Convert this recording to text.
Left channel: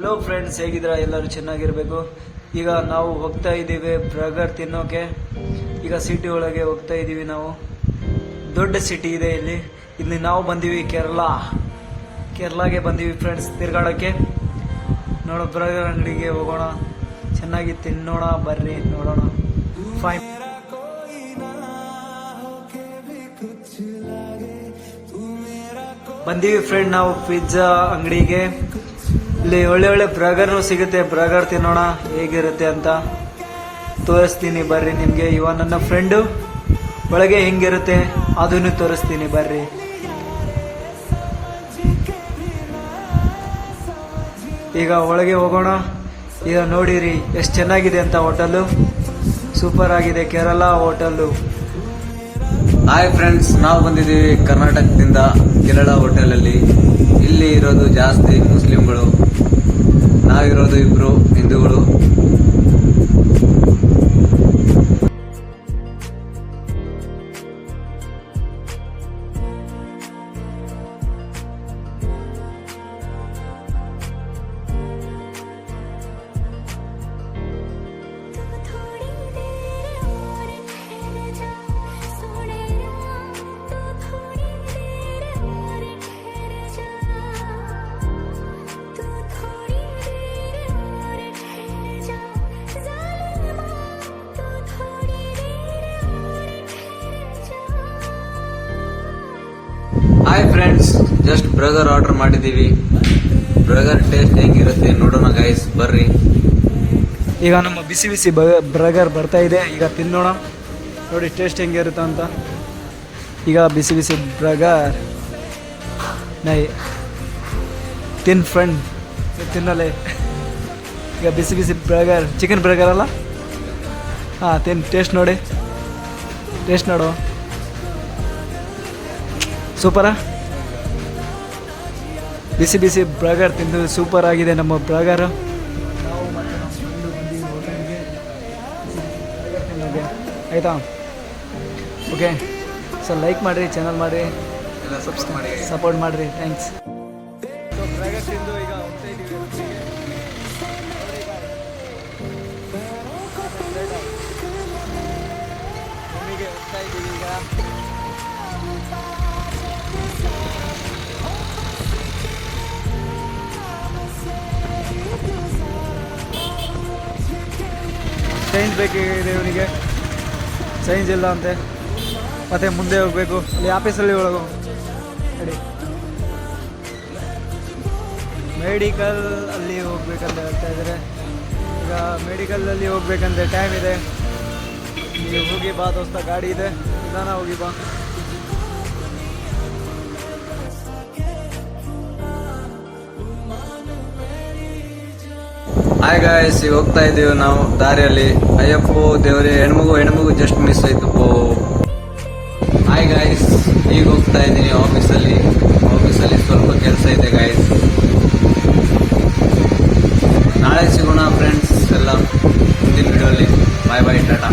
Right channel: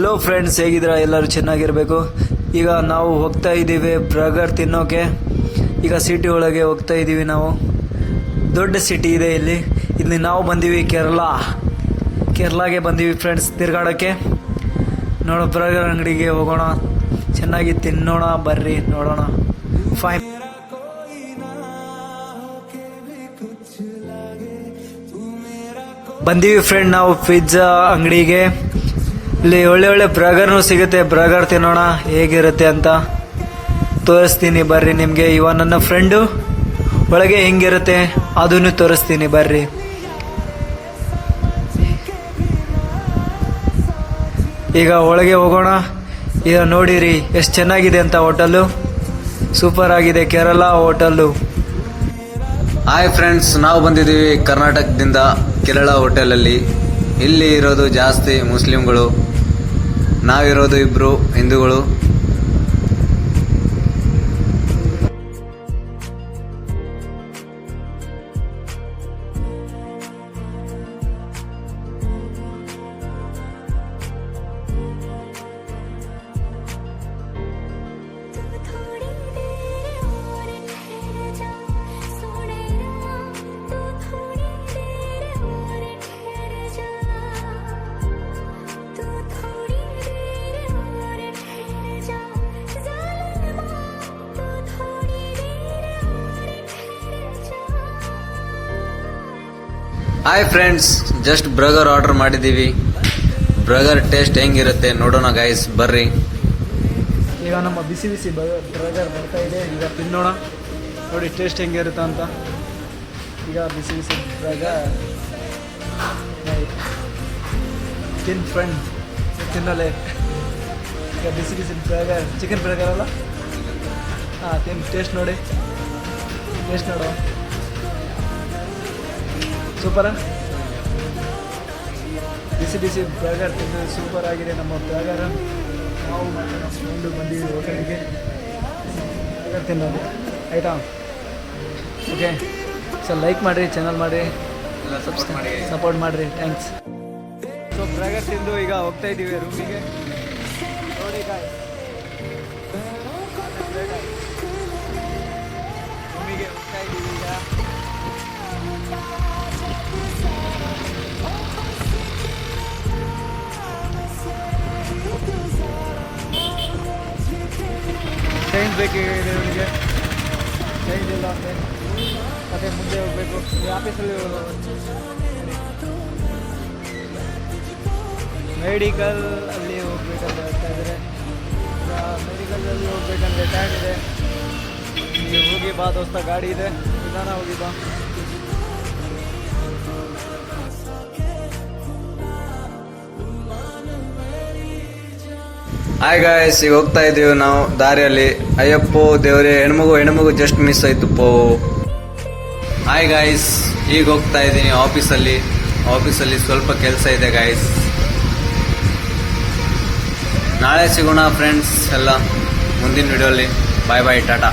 Hello friends ಹೇಗಿದ್ದೀರಾ? ಎಲ್ಲರೂ ಚೆನ್ನಾಗಿರಬೇಕು? ಈಗ ನಾವು ಹೋಗ್ತಾ ಇದ್ದೀವಿ ಬರ್ಗರ್ ತಿನ್ನೋಕೆ. ಈಗ ಸಿಟಿ ಒಳಗೆ ಹೋಗ್ತಾ ಇದ್ದೀವಿ ನಾವು. ದೊಡ್ಡ ಸಿಟಿ ಇದೆ ಇಲ್ಲಿ. ಇಲ್ಲಿ ನಾವು ಬಂದೀವಿ ಕೇರಳ ಕೇರಳಗೆ ಬಂದೀವಿ ಫ್ರೆಂಡ್ಸ್ ತಿರ್ಗಾಡೋಕ್ಕೆ ನೋಡೋ ಬರ್ಗರ್ ಅಂಗಡಿಗೆ ಹೋಗೋಣ. ಚೆನ್ನಾಗಿ ತಿನ್ನೋಣ ಬರ್ರಿ ನೋಡೋಣ. ಫೈನ್ ಬಂದೀವಿ ಫ್ರೆಂಡ್ ನಾವು ಪಿಜ್ಜಾ ಅಂಗಡಿಗೆ. ಇಲ್ಲಿ ಒಳ್ಳೆ ಒಳ್ಳೆ ಬ್ರಗರ್ನು ಸಿಗುತ್ತೆ. ಬ್ರಗರ್ ತಿನ್ನೋಣ, ಹೇಗಿರುತ್ತೆ ಅಂತ ತೋರಿಸ್ತೀನಿ ಬರ್ರಿ ನಿಮಗೆ. ಇವ ನನ್ನ ಫ್ರೆಂಡು ಒಳಗೆ ಹಿಂಗಿರುತ್ತೆ, ಅದನ್ನು ತೋರಿಸ್ತೀನಿ ಬರ್ರಿ. ಈಗ ಒಳಗೆ ಹೋಗೋಣ. ಈಗ ನೋಡಿರಿ, ಎಷ್ಟು ಚೆನ್ನಾಗಿದೆ ಅಂತ ಹೋಟೆಲ್ಲು. ಸೂಪರ್ ಆಗಿದೆ, ಕೇರಳ ಹೋಟೆಲ್ಲು. ಹಾಯ್ ಫ್ರೆಂಡ್ಸ್ ನಾವು ಬಂದಿದ್ದೀವಿ ಕರ್ನಾಟಕದಿಂದ ಕೇರಳ ಹೋಟೆಲಲ್ಲಿ. ಇಲ್ಲಿ ಇರೋದು ಜಾಸ್ತಿ ಮುಸ್ಲಿಮ್ಗಳು ನಾವಿರೋದು ಇಬ್ಬರು ಹಿಂದೂಗಳು. Hi friends just burger order ಮಾಡಿದ್ದೀವಿ. ಬ್ರಗರ್ ಟೇಸ್ಟ್ ಹೆಂಗಿರುತ್ತೆ ನೋಡೋಣ ಗೈಸ್ ಬರ್ರಿ. ಈಗ ನಮ್ಮ ಬಿಸಿ ಬಿಸಿ ಬ್ರಗರ್ ಬರ್ತಾ ಇದೆ. ಈಗ ತಿನ್ನೋಣ. ನೋಡಿ ಟೇಸ್ಟ್ ಹೆಂಗಿರುತ್ತೆ ಅಂತ. ಈಗ ಬಿಸಿ ಬಿಸಿ ಬ್ರಗರ್ ನೈ, ತಿನ್ ಫ್ರೆಂಡ್ ತಿನ್ನಲೆ. ಈಗ ಬಿಸಿ ಬಿಸಿ ಬರ್ಗರ್ ಚಿಕನ್ ಬ್ರಗರ್ ಅಲ್ಲ? ಹಾಂ, ತಿನ್ ಟೇಸ್ಟ್ ನೋಡಿ. ಟೇಸ್ಟ್ ನೋಡು ಸೂಪರಾ? ಬಿಸಿ ಬಿಸಿ ಬ್ರಗರ್ ತಿಂದು ಸೂಪರ್ ಆಗಿದೆ ನಮ್ಮ ಬರ್ಗರು ನಾವು ಮತ್ತು ನಮ್ಮ ಫ್ರೆಂಡು ಬಂದಿದ್ದೀವಿ ಹೋಟೆಲಿಗೆ ಬರ್ಗರ್ ತಿನ್ನೋದು. ಆಯಿತಾ? ಓಕೆ. ಸರ್ ಲೈಕ್ ಮಾಡಿರಿ ಚಾನಲ್ ಮಾಡಿರಿ. ಸಪೋರ್ಟ್ ಮಾಡಿರಿ. ಥ್ಯಾಂಕ್ಸ್ ಸೊ ಬರ್ಗರ್ ತಿಂದು ಈಗ ಹೋಗ್ತಾ ಇದ್ದೀವಿ ರೂಮಿಗೆ ರೂಮಿಗೆ ಹೋಗ್ತಾ ಇದ್ದೀವಿ ಈಗ. ಚೇಂಜ್ ಬೇಕಾಗಿದೆ ಇವನಿಗೆ ಚೇಂಜ್ ಇಲ್ಲ ಅಂತೆ. ಮತ್ತೆ ಮುಂದೆ ಹೋಗಬೇಕು. ಇಲ್ಲಿ ಆಫೀಸಲ್ಲಿ ಮೆಡಿಕಲ್ ಅಲ್ಲಿ ಹೋಗ್ಬೇಕಂತ ಹೇಳ್ತಾ ಇದ್ದಾರೆ. ಈಗ ಮೆಡಿಕಲಲ್ಲಿ ಹೋಗ್ಬೇಕಂದ್ರೆ ಟೈಮ್ ಇದೆ. ನೀವು ಹೋಗಿ ಬಾ ದೋಸ್ತ, ಗಾಡಿ ಇದೆ. ನಿಧಾನ ಹೋಗಿ ಬಾ. ಹಾಯ್ ಗಾಯ್ಸ್ ಈಗ ಹೋಗ್ತಾ ಇದೀವಿ ನಾವು ದಾರಿಯಲ್ಲಿ. ಅಯ್ಯಪ್ಪೋ, ದೇವರೇ, ಹೆಣ್ಮಗು ಹೆಣ್ಮಗು ಜಸ್ಟ್ ಮಿಸ್ ಆಯ್ತು ಪೋ. ಹಾಯ್ ಗಾಯ್ಸ್ ಈಗ ಹೋಗ್ತಾ ಇದ್ದೀನಿ ಆಫೀಸಲ್ಲಿ. ಆಫೀಸಲ್ಲಿ ಸ್ವಲ್ಪ ಕೆಲಸ ಇದೆ ಗಾಯ್ಸ್ ನಾಳೆ ಸಿಗೋಣ ಫ್ರೆಂಡ್ಸ್ ಎಲ್ಲ ಮುಂದಿನ ವಿಡಿಯೋಲಿ ಬಾಯ್ ಬಾಯ್ ಟಾಟಾ